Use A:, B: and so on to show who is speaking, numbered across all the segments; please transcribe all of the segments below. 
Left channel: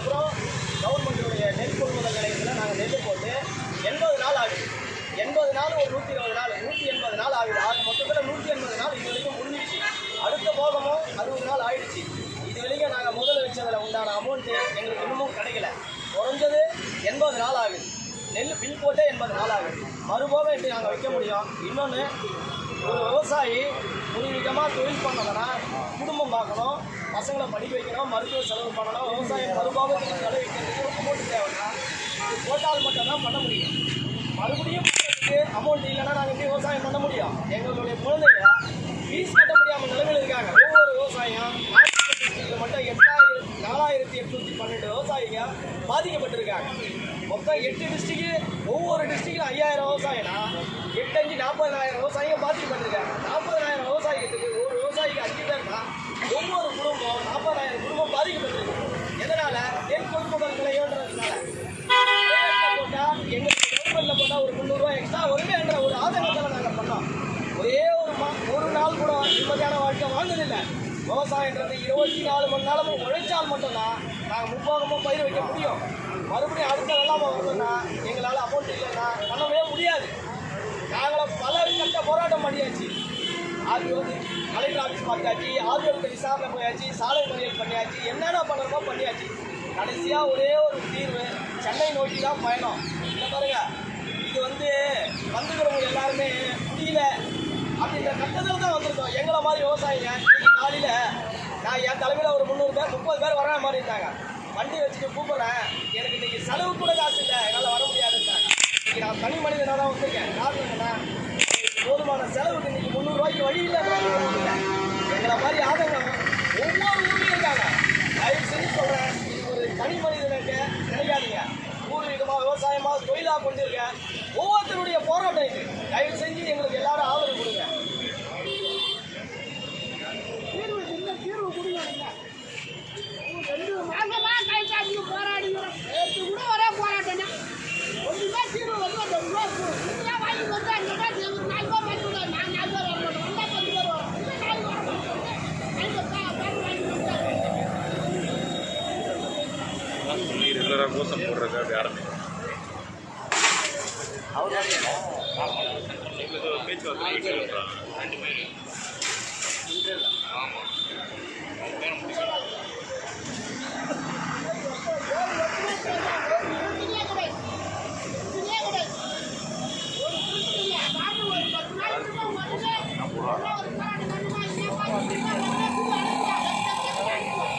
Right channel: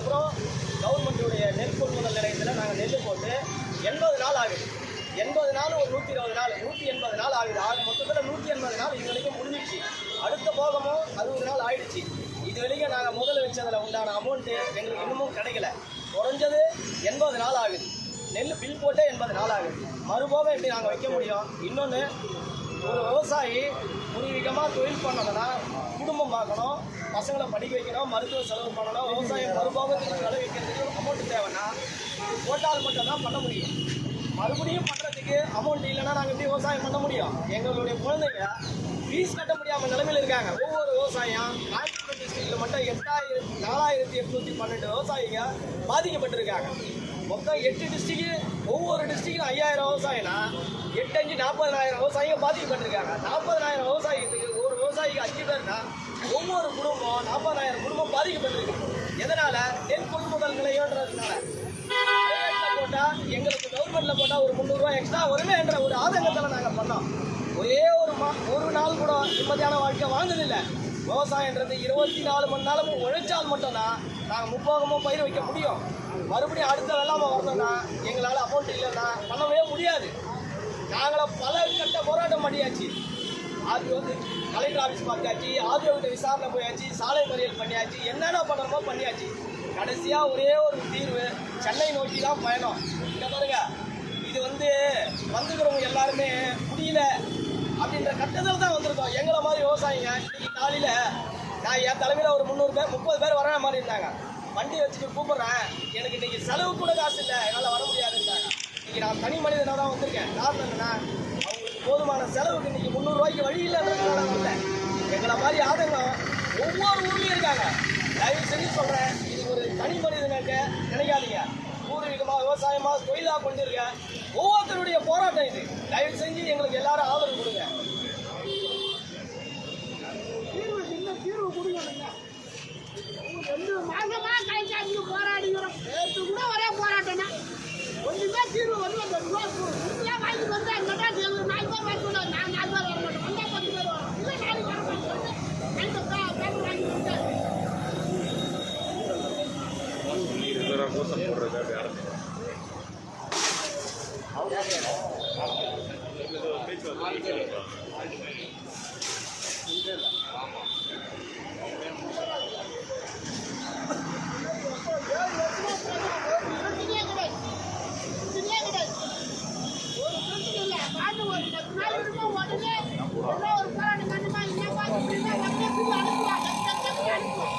A: அதுக்கப்புறம் கவர்மெண்ட்டுடைய நெல் கொள்முதல் நிலையத்தில் நாங்கள் நெல் போட்டு எண்பது நாள் ஆகுது. எண்பது நாள் ஒரு நூற்றி இருபது நாள் நூற்றி எண்பது நாள் ஆகுது. ஆக மொத்தத்தில் நூற்றி எண்பது நாள் இது வரைக்கும் முடிஞ்சிச்சு அடுத்த போகமும் அறுபது நாள் ஆயிடுச்சு. இது வரைக்கும் நாங்கள் முதல் வச்சதில் உண்டான அமௌண்ட்டு எங்களுக்கு இன்னமும் கிடைக்கல. குறைஞ்சது எண்பது நாள் ஆகுது. நெல் பில் போட்டே எண்பது நாள் ஆகுது. மறுபோக எப்படி நாங்கள் வைக்க முடியும்? இன்னொன்று ஒரு விவசாயி பூர்வீகமாக தொழில் பண்ணதுன்னா குடும்பம் பார்க்கணும். பசங்களை படிக்க வைக்கணும் மருத்துவ செலவு பண்ணணும் விவசாயம் மறுபாகத்துக்கு வைக்கிறதுக்கு அமௌண்ட் தேவைன்னா இது போட்டால் மட்டும்தான் பண்ண முடியும். மறுபடியும் பண்ணுறதுக்கு அமௌண்ட் இல்லைன்னா நாங்கள் எப்படி விவசாயம் பண்ண முடியும்? எங்களுடைய குழந்தைங்க ஃபீஸ் கட்ட முடியாமல் நிலைமையில் இருக்காங்க. ஒவ்வொரு விவசாயம் டிஸ்ட்ரிக்டில் மட்டும் எட்டாயிரம் நாலாயிரத்தி எட்நூற்றி பன்னெண்டு விவசாயிங்க பாதிக்கப்பட்டிருக்காங்க. மொத்தம் எட்டு டிஸ்ட்ரிக்ட் ஒவ்வொரு டிஸ்ட்ரிக்ட்டும் ஐயாயிரம் விவசாயம்னா எட்டு அஞ்சு நாற்பதனாயிரம் விவசாயிங்க பாதிக்கப்பட்டிருக்காங்க. நாற்பதனாயிரம் விவசாயத்துக்கு ஒரு விவசாயிக்கு அஞ்சு பேர்னா ஒவ்வொரு குடும்பம் நாற்பதாயிரம் குடும்பம் பாதிக்கப்பட்டிருக்கு. எதனால? நெல் கொள்முதல் நிலையன்றதுனால. போட்டால் போட்டா எங்களுக்கு கவர்மெண்ட்ல போட்டா ஒரு முந்நூறுரூவா எக்ஸ்ட்ரா வருமே என்ற ஒரு ஆதங்கத்தில் நாங்கள் பண்ணோம். ஒரே ஒரு மா ஒரு நாள் கூட நிம்மதியான வாழ்க்கை வாழ்ந்ததில்லை. விவசாயன்றது இருபத்தி நாலு மணி நேரமும் உழைச்சால் மட்டும்தான் நாங்கள் முப்போகமும் பயிர் வைக்க முடியும். மறுபடியும் அடுத்த வெள்ளாம வரணும்னா எங்களால் அமௌண்ட் இல்லைன்னா பண்ணவே முடியாது. நாங்களும் பல கட்ட போராட்டம் பண்ணியாச்சு. ஆர்டிஓ கலெக்டர் ஆஃபீஸ் பார்த்தாச்சு ஆர்டிஓ விசாரணை போயாச்சு சாலை மறியல் பண்ணியாச்சு என்னென்ன பண்ணுறமோ பண்ணியாச்சு. கடைசியாக ஒரே ஒரு தீர்வு சென்னை நோக்கி தான் பயணம். இந்த பாருங்க இது வந்து வந்துக்கிறவங்க எல்லாருமே முடியல அப்படின்ற கட்டத்தில் தான் வந்திருக்கோம். எங்களை மாதிரி விவசாயிங்க இன்னைக்கு காலையில் நான் என் தலைமையில் ஒரு முந்நூறு பேர் முப்பது பேர் வர மாதிரி இருந்தாங்க வண்டி வச்சுட்டு கூப்பிட்றேன். எனக்கு இன்றைக்கி செலவு கூட காசு இல்லை என்னால் வர முடியாதுன்றாங்க. இன்றைக்கி நான் தனி மனிதனாக தான் வந்திருக்கேன். காரணம் என்னென்னா போதுமான செலவுக்கு இன்னைக்கு முந்நூறுரூவாய்க்கு வழி இல்லைன்றதுனால இல்லை. எங்களை மாதிரி ஆதங்கம் ஒவ்வொரு ஊர்லேயும் இருக்காங்க. தயவு செஞ்சு சொல்கிறேன் இது ஒரு தனி மனிதனுக்கு நினைக்காதீங்க. பூர்வீகமாக விவசாயமாக தொழிலாக கொண்டிருக்க ஒவ்வொருத்தருடைய போராட்டம் இது. தயவு செஞ்சு எங்களுக்கு எல்லாரும் ஆதரவு கொடுங்க
B: தீர்வு என்ன தீர்வு கொடுங்க நீங்க. ரெண்டு மாசமா கை காட்டி போராடிக்கிறோம் நேற்று கூட ஒரே போராட்டம் தான் ஒன்றுமே தீர்வு வந்து அந்த ரோப்பு நீங்களே வாங்கி வந்து அங்கே நாலு பேர் வாங்கி விடுவோம் நான் நாலு பேர் வர மாட்டோம் வந்தா பத்து பேர் வரும் இல்லை நாலு வர மாட்டோம் நாலு பேர் பேர் வாங்கி வந்து
C: சொல்லி ரெகுலராக கோஷம் போடுறது அப்படி ஆரம்பிக்கும் பேச்சுவார்த்தை
B: பிரச்சனையே கிடையாது பிரச்சனையே கிடையாது ஒரு பிரச்சனை இல்லை பாட்டு ஒரு பத்து நாள் இருக்கும் உடனே உடனே ஒரு போராட்டம் நடந்தா என்ன பாட்டு உடனே புது அனுப்புவாங்க அனுப்புவாங்க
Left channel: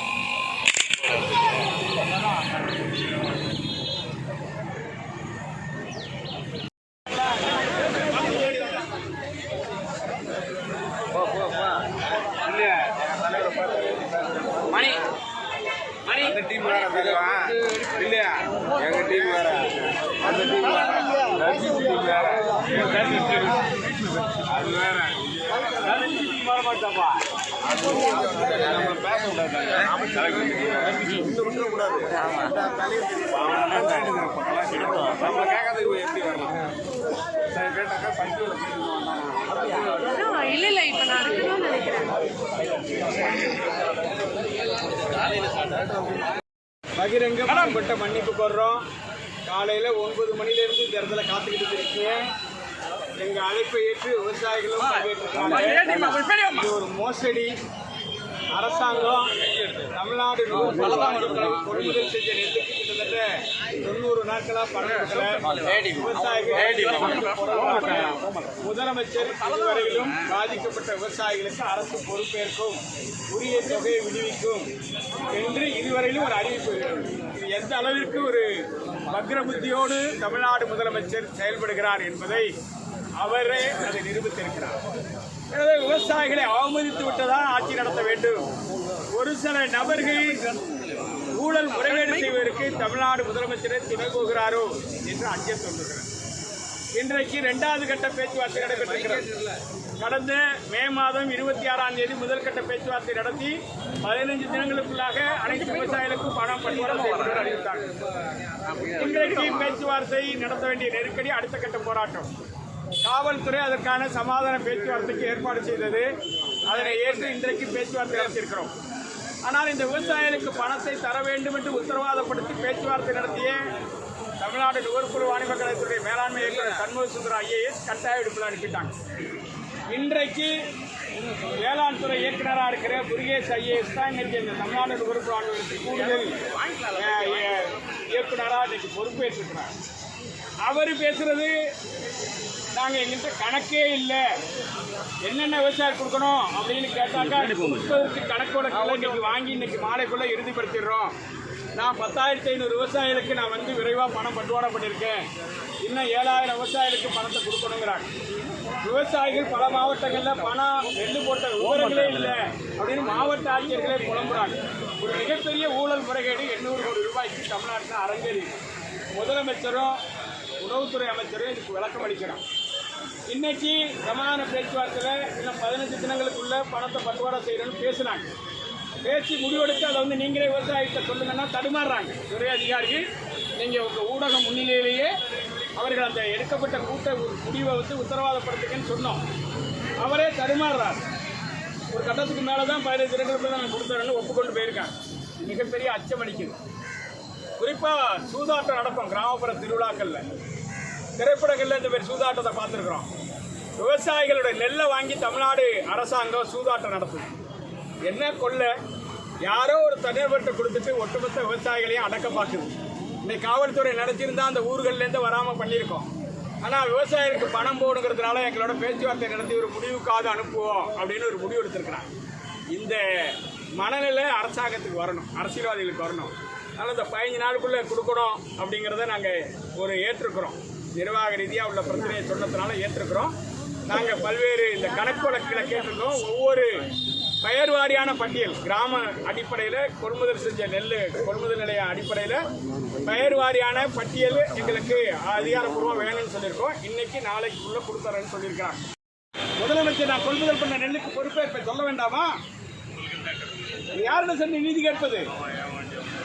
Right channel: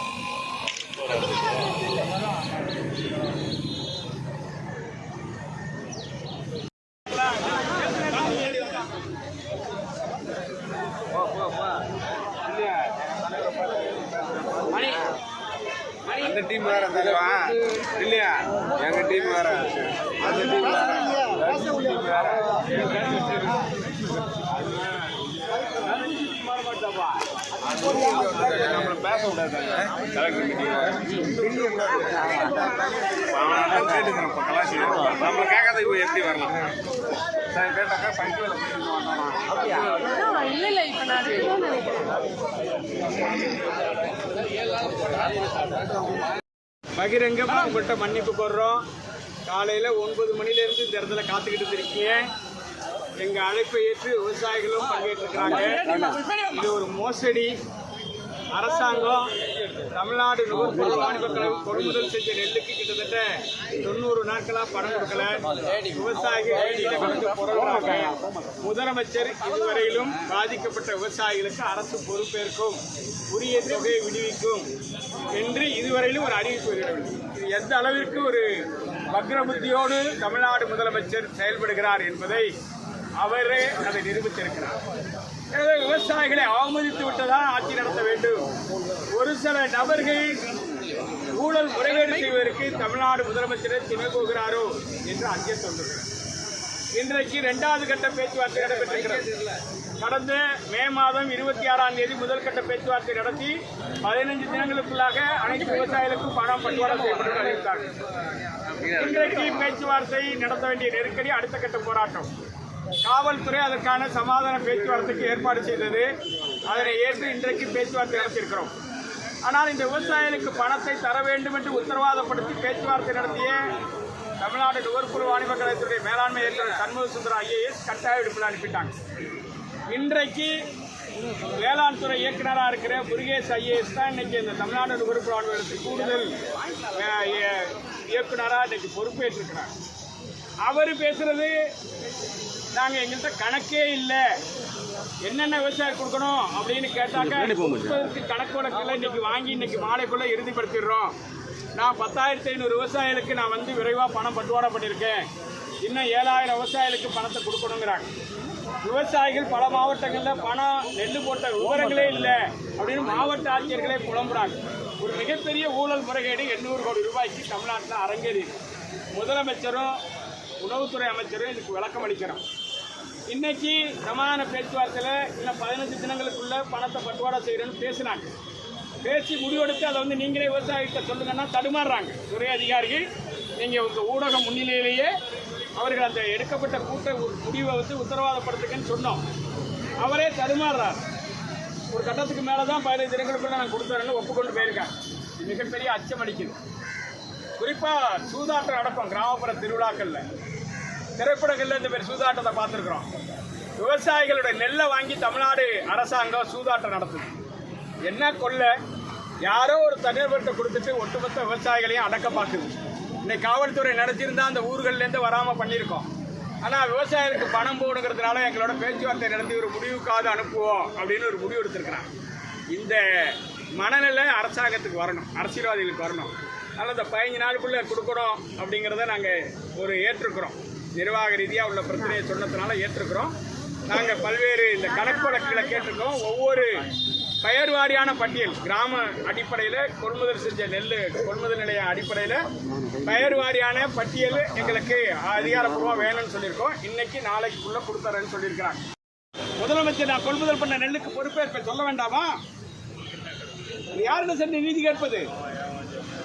D: அந்த டீம் வேற தெரியுமா இல்லையா எங்க டீம் வேற அந்த டீம் வேற அது வேற அது நம்ம பேச கேட்காத இப்போ எப்படி வரலாம் சார் கேட்டாக்கா போயிட்டு வந்தானா
E: நான் நினைக்கிறேன்
D: மன்னிப்பு கோர்றோம். காலையில் ஒன்பது மணிலேருந்து இந்த இடத்துல காத்துக்கிட்டு இருக்கீங்க. எங்கள் அழைப்பை ஏற்று விவசாயிகளும் பங்கேற்றிருக்காங்க இது ஒரு மோசடி. அரசாங்கம் தமிழ்நாடு நுகர்பொருள் வாணிபக் கழகம் கொள்முதல் செஞ்ச நெல்லுக்கு கிட்டத்தட்ட தொண்ணூறு நாட்களாக பணம் கொடுக்கல. விவசாயிகள் முதலமைச்சர் இதுவரையிலும் பாதிக்கப்பட்ட விவசாயிகளுக்கு அரசு பொறுப்பேற்கும் உரிய தொகையை விடுவிக்கும் என்று இதுவரையிலும் ஒரு அறிவிப்பு இது எந்த அளவிற்கு ஒரு வக்ரபுத்தியோடு தமிழ்நாடு முதலமைச்சர் செயல்படுகிறார் என்பதை அவரே அதை நிரூபித்திருக்கிறார். விவசாயிகளை அவமதித்து விட்டதான் ஆட்சி நடத்த வேண்டும்? ஒரு சில நபர்கள் ஊழல் முறைகேடு செய்வதற்கு தமிழ்நாடு முதலமைச்சரை துணை போகிறாரோ என்று அஞ்ச தோன்றுகிறது. இன்றைக்கு இரண்டாவது கட்ட பேச்சுவார்த்தை நடைபெற்றிருக்கிறது. கடந்த மே மாதம் இருபத்தி ஆறாம் தேதி முதல் கட்ட பேச்சுவார்த்தை நடத்தி பதினைஞ்சு தினங்களுக்குள்ளாக அனைத்து விவசாயிகளுக்கும் பணம் பட்டுவாடா செய்யப்பட்டு அறிவித்தார்கள். இன்றைக்கு பேச்சுவார்த்தை நடத்த வேண்டிய நெருக்கடி அடுத்த கட்ட போராட்டம். காவல்துறை அதற்கான சமாதான பேச்சுவார்த்தைக்கு ஏற்பாடு செய்தது. அதனை ஏற்று இன்றைக்கு பேச்சுவார்த்தை நடத்தியிருக்கிறோம். ஆனால் இந்த விவசாயிகளுக்கு பணத்தை தர வேண்டும் என்று உத்தரவாதப்படுத்தி பேச்சுவார்த்தை நடத்திய தமிழ்நாடு நுகர்புற வாணிப கழகத்துடைய மேலாண்மை இயக்குநர் சண்முக சுந்தரம் ஐஏஎஸ் கட்டாய விடுப்பில் அனுப்பிட்டாங்க. இன்றைக்கு வேளாண் துறை இயக்குனராக இருக்கிற முருகேஷ் ஐஏஎஸ் தான் இன்னைக்கு இந்த தமிழ்நாடு நுகர்பொருள் வாணிபகத்துக்கு கூடுதல் இயக்குநராக இய- இன்னைக்கு பொறுப்பேற்றிருக்கிறார். அவர் பேசுறது நாங்கள் எங்கள்கிட்ட கணக்கே இல்லை. என்னென்ன விவசாயம் கொடுக்கணும் அப்படின்னு கேட்டாக்கா கொடுப்பதற்கு கணக்கு வழக்கில் இன்னைக்கு வாங்கி இன்னைக்கு மாலைக்குள்ள இறுதிப்படுத்திடுறோம். நான் பத்தாயிரத்தி ஐநூறு விவசாயிகளுக்கு நான் வந்து விரைவாக பணம் பட்டுவாடா பண்ணியிருக்கேன். இன்னும் ஏழாயிரம் விவசாயிகளுக்கு பணத்தை கொடுக்கணுங்கிறாங்க. விவசாயிகள் பல மாவட்டங்களில் பணம் நெல் போட்ட விவரங்களே இல்லை அப்படின்னு மாவட்ட ஆட்சியர்களே புலம்புறாங்க. ஒரு மிகப்பெரிய ஊழல் முறைகேடு எண்ணூறு கோடி ரூபாய்க்கு தமிழ்நாட்டில் அரங்கேறி முதலமைச்சரும் உணவுத்துறை அமைச்சரும் இதுக்கு விளக்கம் அளிக்கிறோம். இன்னைக்கு சமாதான பேச்சுவார்த்தையில் இன்னும் பதினஞ்சு தினங்களுக்குள்ள பணத்தை பட்டுவாடா செய்கிறேன்னு பேசுனாங்க. பேசி முடிவெடுத்து அதை வந்து நீங்களே விவசாயிகிட்ட சொல்லுங்கன்னா தடுமாறுறாங்க. துறை அதிகாரிகள் நீங்கள் உங்கள் ஊடக முன்னிலையிலேயே அவர்கள் அந்த எடுக்கப்பட்ட கூட்ட முடிவை வந்து உத்தரவாதப்படுத்துங்கன்னு சொன்னோம். அவரே தடுமாறுறார். ஒரு கட்டத்துக்கு மேலே தான் பதினைந்து தினங்களுக்குள்ள நான் கொடுத்துறேன்னு ஒப்புக்கொண்டு போயிருக்கேன் மிகப்பெரிய அச்சம் அடிக்குது குறிப்பாக சூதாட்டம் நடக்கும் கிராமப்புற திருவிழாக்களில். திரைப்படங்களில் இந்த மாதிரி சூதாட்டத்தை பார்த்துருக்குறோம். விவசாயிகளுடைய நெல்லை வாங்கி தமிழ்நாடு அரசாங்கம் சூதாட்டம் நடத்துது. என்ன கொள்ள? யாரோ ஒரு தனிநபர்கிட்ட கொடுத்துட்டு ஒட்டுமொத்த விவசாயிகளையும் அடக்க பார்க்குது. இன்னைக்கு காவல்துறை நடத்தியிருந்தா அந்த ஊர்கள்லேருந்து வராமல் பண்ணியிருக்கோம். ஆனால் விவசாயிகளுக்கு பணம் போகணுங்கிறதுனால எங்களோட பேச்சுவார்த்தை நடத்தி ஒரு முடிவுக்காவது அனுப்புவோம் அப்படின்னு ஒரு முடிவு எடுத்திருக்கிறாங்க. இந்த மனநிலை அரசாங்கத்துக்கு வரணும். அரசியல்வாதிகளுக்கு வரணும். அதனால் இந்த பதினஞ்சு நாளுக்குள்ளே கொடுக்கணும் அப்படிங்கிறத நாங்கள் ஒரு ஏற்றுக்கிறோம். நிர்வாக ரீதியாக உள்ள பிரச்சனையை சொன்னதுனால ஏற்றுக்கிறோம். நாங்கள் பல்வேறு இந்த கணக்கு வழக்குகளை கேட்டிருக்கோம். ஒவ்வொரு பெயர் வாரியான பட்டியல் கிராம அடிப்படையில் கொள்முதல் செஞ்ச நெல் கொள்முதல் நிலைய அடிப்படையில் பெயர் வாரியான பட்டியல் எங்களுக்கு அதிகாரப்பூர்வம் வேணும்னு சொல்லியிருக்கோம். இன்னைக்கு நாளைக்குள்ளே கொடுத்துறேன்னு சொல்லியிருக்கிறாங்க. முதலமைச்சர் நான் கொள்முதல் பண்ண நெல்லுக்கு பொறுப்பேற்பை சொல்ல வேண்டாமா? யாருன்னு சென்று நீதி கேட்பது?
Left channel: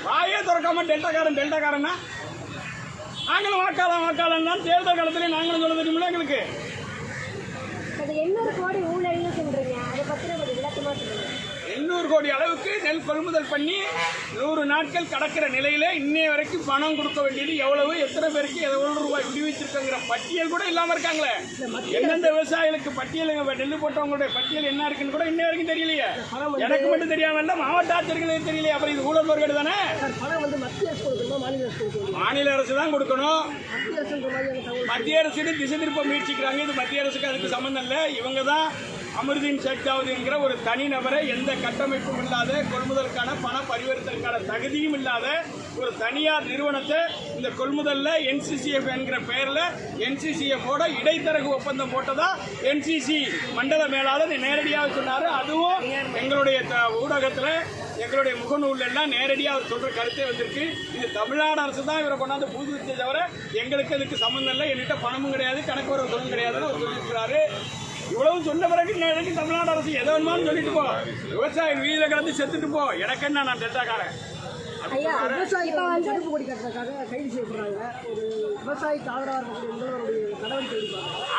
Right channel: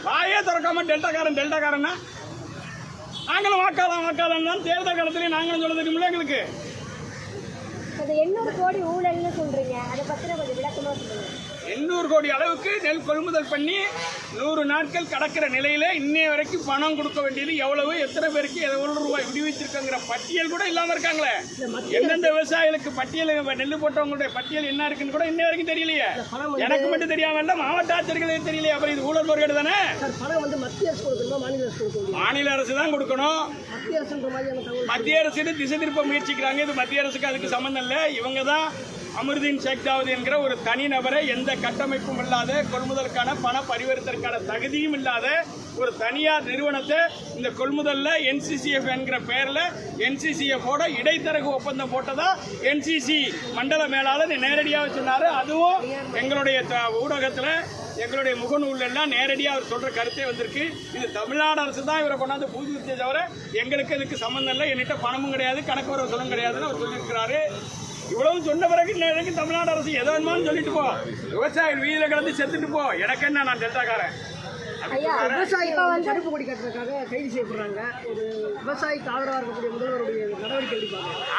D: வாயே திறக்காம டெல்டாக்காரன் டெல்டாக்காரன்னா? நாங்களும் வாக்காளம் வாக்காளன் தான். தேர்தல் காலத்திலே நாங்களும் சொல்ல தெரியுமில்ல எங்களுக்கு.
E: அது எண்ணூறு கோடி ஊழல்னு சொல்றீங்க? அதை பத்தின கொஞ்சம் விளக்கமா சொல்லுங்க.
D: எண்ணூறு கோடி அளவுக்கு நெல் கொள்முதல் பண்ணி நூறு நாட்கள் கடக்கிற நிலையில இன்னைய வரைக்கும் பணம் கொடுக்க வேண்டியது எவ்வளவு எத்தனை பேருக்கு எவ்வளவு ரூபாய் விடுவிச்சிருக்கங்கிற பட்டியல் கூட இல்லாம இருக்காங்களே. எந்தெந்த விவசாயிகளுக்கு பட்டியல் நெல் போட்டவங்களுடைய பட்டியல் என்ன இருக்குன்னு கூட இன்ன வரைக்கும் தெரியலையே. எனக்கு மட்டும் தெரியாம இல்ல மாவட்ட ஆட்சியர்களுக்கு தெரியலையே. அப்புறம் இது ஊழல் முறைகேடு தானே?
B: மாநில அரசு
D: தான் கொடுக்கணும்.
B: மத்திய அரசு
D: திசை திருப்ப முயற்சிக்கிறாங்க. இது மத்திய அரசுக்கு அதுக்கு சம்மந்தம் இல்லை. இவங்க தான் அமிர்தீன் ஷேக்தாவதி என்கிற ஒரு தனிநபரை எந்த கட்டமைப்பும் இல்லாத கொள்முதலுக்கான பண பரிவர்த்தனைக்கான தகுதியும் இல்லாத ஒரு தனியார் நிறுவனத்தை இந்த கொள்முதலில் என்சிசிஎஃப் என்கிற பெயரில் என்சிசிஎஃப்போட இடைத்தரகு ஒப்பந்தம் போட்டதா என்சிசி மண்டல மேலாளர் நேரடியாக சொன்னார். அதுவும் எங்களுடைய த- எங்களுடைய முகநூல் எல்லாம் நேரடியாக அவர் சொல்ற கருத்தே வந்திருக்கு. இது தமிழ்நாடு அரசு தான் இவரை கொண்டாந்து பூஜித்தே தவிர எங்களுக்கு அதுக்கு சம்மந்தம் இல்லை. என்கிட்ட பணமும் கிடையாது கணக்கு வரவு சொல்லும் கிடையாதுன்னு அவர் சொல்லியிருக்கிறாரு. இவ்வளவு சொன்ன பிறகு வரைக்கும் தமிழ்நாடு அரசு எதை வேணுமான்னு சொல்லிட்டு போ. விவசாயி வீதியில கிடந்து செத்துட்டு போ. எனக்கு என்ன நான் டெல்டாக்காரன்?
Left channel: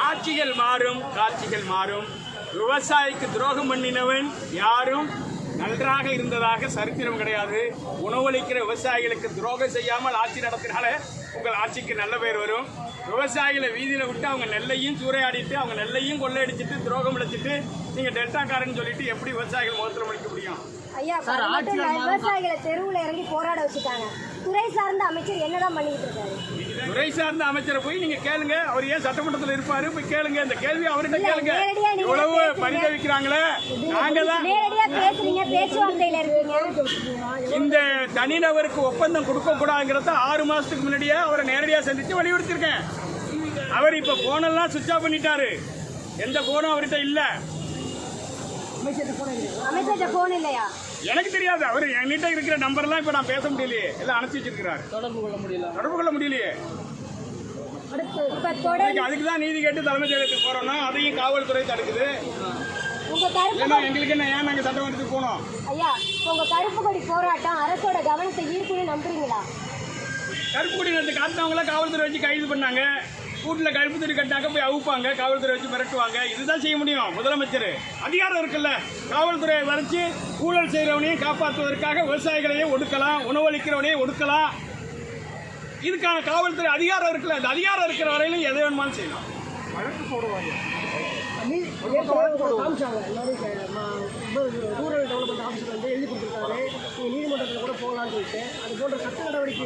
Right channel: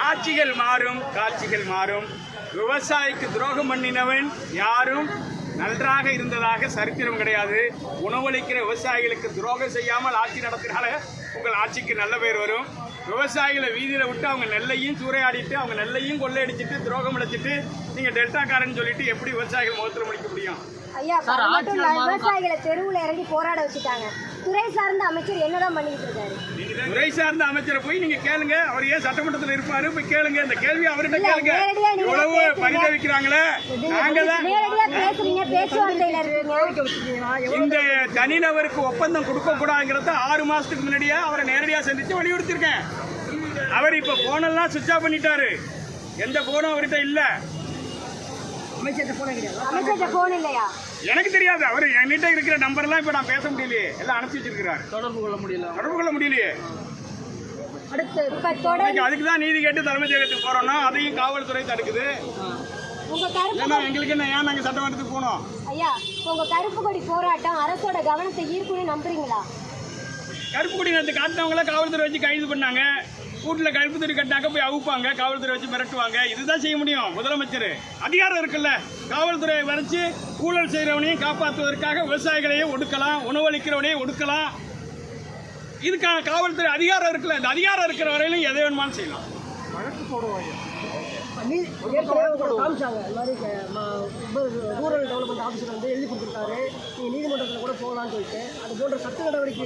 D: ஆட்சிகள் மாறும் காட்சிகள் மாறும். விவசாயிக்கு துரோகம் பண்ணினவன் யாரும் நன்றாக இருந்ததாக சரித்திரம் கிடையாது. உணவளிக்கிற விவசாயிகளுக்கு துரோகம் செய்யாமல் ஆட்சி நடத்தினால உங்கள் ஆட்சிக்கு நல்ல பேர் வரும். விவசாயிகளை வீதியில் விட்டு அவங்க நெல்லையும் சூறையாடிட்டு அவங்க நெல்லையும் கொள்ளையடிச்சிட்டு துரோகம் இழைச்சிட்டு நீங்கள் டெல்டாக்காரன்னு சொல்லிட்டு எப்படி விவசாயிகள் முகத்தில் முடிக்க முடியும்?
E: ஐயா அது மட்டும் இல்ல விவசாயிகளை தெருவுல இறங்கி போராட வச்சுட்டாங்க. துறை சார்ந்த அமைச்சர் என்னதான் பண்ணிட்டு இருக்காரு?
D: துறை சார்ந்த அமைச்சரை போய் நீங்க கேளுங்க. அவர் ஏன் சட்டமன்றத்தில் இருப்பாரு? போய் கேளுங்க. இந்த கேள்வி அவர்கிட்ட
E: இல்ல,
D: கேளுங்க.
E: நேரடியா நீங்க
D: இவ்வளவு
E: பேசுங்க.
D: பரிதவிக்கிறாங்களே. நாங்க தான்
E: நேரடியா பேசுறீங்க. பேச்சுவார்த்தையில இருக்கீங்க.
D: இந்த தனிநபருக்கு ஒப்பந்தம் கொடுக்க கூடாதுங்கிறத ஆறு மாசத்துக்கு முன்னாடியே அவரை நேரடியா சந்திச்சு வலியுறுத்திருக்கேன் அவர் இப்ப போனெல்லாம் சுவிட்ச் ஆஃப் பண்ணிட்டாரு. எந்த போனும் அவர்கிட்ட இல்ல.
B: போன
E: இல்லையா?
D: எனக்கு தெரியாது. அவர் என்கிட்ட இருக்கிற நம்பர்லாம் இப்ப நான் பேச முடியலையே. எல்லாம் அனுப்பிச்சு வச்சிருக்கிறாரு.
B: தொடர்பு கொள்ள முடியல.
D: தொடர்பு கொள்ள முடியலையே. அதுக்கு தான் நீதி கேட்டு தலைமைச் செயலகத்துக்கு போறோம்னா அதையும் காவல்துறை தடுக்குது. எங்களுக்கு என்ன ஏன் நாங்கள் சட்டமன்றத்துக்கு போகணும்
E: ஐயா இப்ப உங்க கருப்பு கொடி போராட்டம் அரசோட கவனத்தை ஈர்க்கும்னு நம்புறீங்களா?
D: கருப்பு கொடி நேற்று காட்டினவங்கள காவல்துறை வச்சு கைது பண்ணாங்க. கூட்டில் கழிப்பு துணி கட்டினாக்க போய் அவுப்பாங்க காவல்துறை வச்சு மிரட்டுவாங்க. இதுதான் செய்ய முடியும். முதலமைச்சர். அதிகாரம் இருக்குல்ல. காவல்துறையை வரைச்சு ஊழல் செய்கிறவனையும் காப்பாற்றுவதற்காக விவசாயிகளையும் ஒடுக்கலாம் உணவளிக்கிறவனையும் ஒடுக்கலாம். இதுக்கான காவல்துறை அதிகாரம் இருக்குல்ல. இந்த அதிகாரம் இருக்கிற வரையிலும் எதை வேணுமானு செய்யலாம்.
B: நீதிமன்றத்தில் கூட போகலான்னு சொல்லிட்டு அது போன்ற சட்ட நடவடிக்கை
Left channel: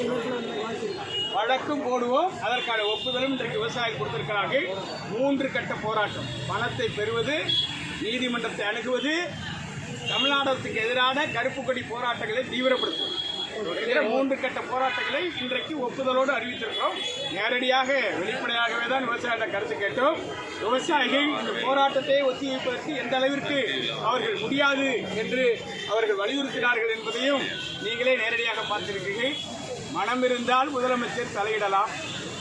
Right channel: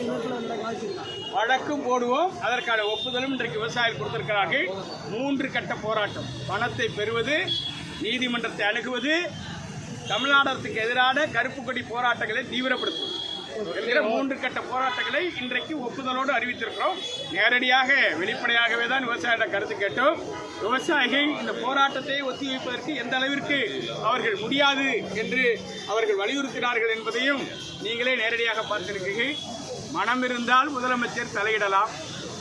D: வழக்கும் போடுவோம். அதற்கான ஒப்புதலும் இன்றைக்கு விவசாயிகள் கொடுத்திருக்கிறார்கள். மூன்று கட்ட போராட்டம். பணத்தை பெறுவது நீதிமன்றத்தை அணுகுவது தமிழ்நாடு அரசுக்கு எதிரான கருப்பு கொடி போராட்டங்களை தீவிரப்படுத்துவது. என்கிற மூன்று கட்ட போராட்டங்களை இன்றைக்கு ஒப்புதலோடு அறிவித்திருக்கிறோம். நேரடியாக வெளிப்படையாகவே தான் விவசாயிகள கருத்து கேட்டோம். விவசாயிகள் இந்த போராட்டத்தை ஒத்திவைப்பதற்கு எந்த அளவிற்கு அவர்கள் முடியாது என்று அவர்கள் வலியுறுத்தினார்கள் என்பதையும் நீங்களே நேரடியாக பார்த்திருக்கிறீர்கள். மனம் இருந்தால் முதலமைச்சர் தலையிடலாம்.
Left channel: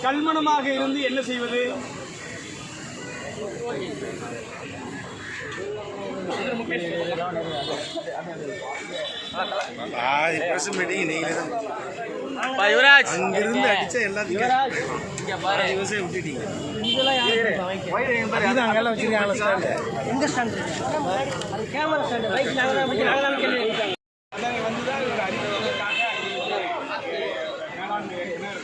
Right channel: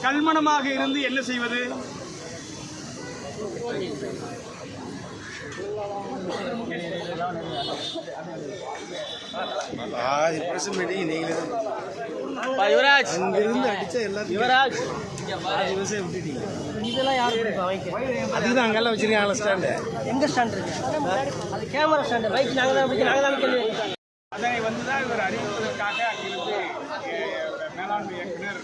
D: கல்மணமாக இருந்து என்ன செய்வது?
F: பாதி பிரஸ் மீட்டிங் நீங்க
A: யுவராஜ்.
F: அங்கிருந்து அடிச்ச எல்லாத்தையும்
A: யுவராஜ்.
F: விட்டுட்டீங்க.
A: இதெல்லாம் யாரு வாங்கிக்க
F: அதிகம் அங்கெல்லாம் வச்சிருக்காங்களா ஸ்டாண்டு
A: எங்க ஸ்டாண்ட் அது கேமரா நாங்கள் தான் நாங்கள் தான்
D: இவர் அறிவிப்பதற்காக அங்கிருந்து அஹ், மேலாண்மை இயக்குனர்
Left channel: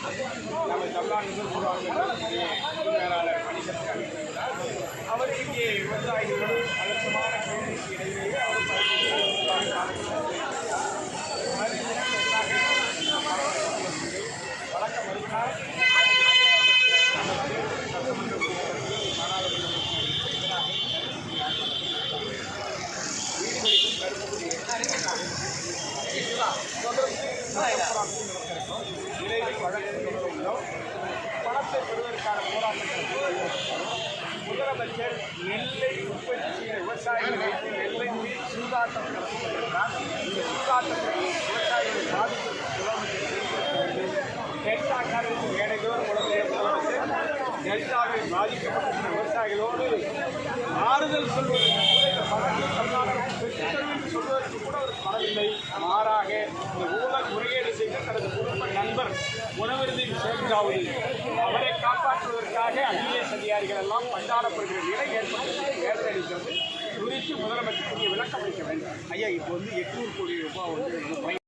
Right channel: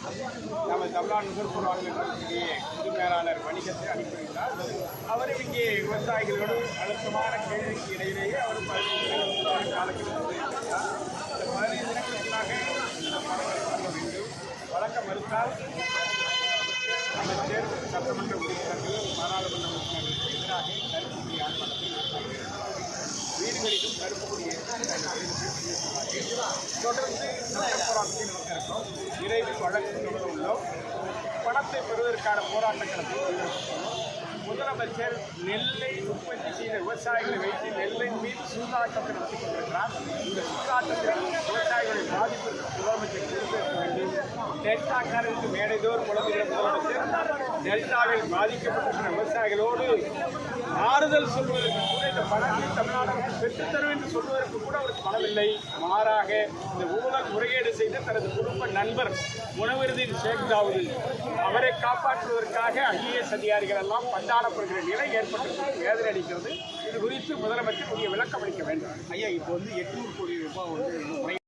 D: நம்ம தமிழ்நாடு நுகர்வோர் வாரியத்தினுடைய பொது மேலாளர் வணிகத்துக்கு அனுப்பியிருந்தார் அவர் இங்கே விவசாயிகளோடு அழுத்தமான கேள்விக்கு இடையிலேயே அவர் பல்வேறு காலத்தில் வந்திருக்கிறார். பதினைந்து தினங்களுக்காக வழக்க மறுத்தால் அமைச்சர் சட்டமன்ற உறுப்பினர்கள் பாராளுமன்ற உறுப்பினர்களுக்கு எதிராக கருத்து ஆர்ப்பாட்டம் வீடுகளிலும் கருப்பு கொடி தொடர்ந்து போராட்டத்தில் இருக்கிறோம் விரைவில் வழக்கு தொடர உள்ளோம் பணத்தை பெறுவதற்கான போராட்டங்கள் முதலமைச்சர் நெல்லை உற்பத்தி செய்த விவசாயிகளை வைத்து நெல்லை மீது சூதாட்டம் நடத்தி கொண்டிருக்கிறார் இந்த சூதாட்டத்தில் விவசாயிகளை பாதிப்பு முதலமைச்சர் தெரிவிக்க வேண்டும் டெல்டாக்காரருக்கு மேடைதோறும் உலகிற டெல்டாவில் பாதிக்கப்பட்டிருக்கிற விவசாயிகளோடு ஆறுதல் சொல்வதற்கு கூட இந்த பணத்தை தமிழ்நாடு பெற்றுத்தரும் என்று சொல்வதற்கு கூட அவருக்கு மனதில்லை மாறாக இந்த ஊழல் முறைகேடு செய்த தனது குடும்ப நண்பர் உணவிருந்தின் சேர்ந்தாவது அவரை காப்பாற்றுவதற்காக ஐஏஎஸ் அதிகாரிகள் எல்லாம் பந்தாடப்படுகிற நிலை ஏற்பட வேதனை அளிக்கிறது இது குறித்து முதலமைச்சர் புதிய விளக்கம் அளிக்க வேண்டும்.
F: ஐயா இப்போ வந்து எட்நூறு கோடி ரூபாய் வந்து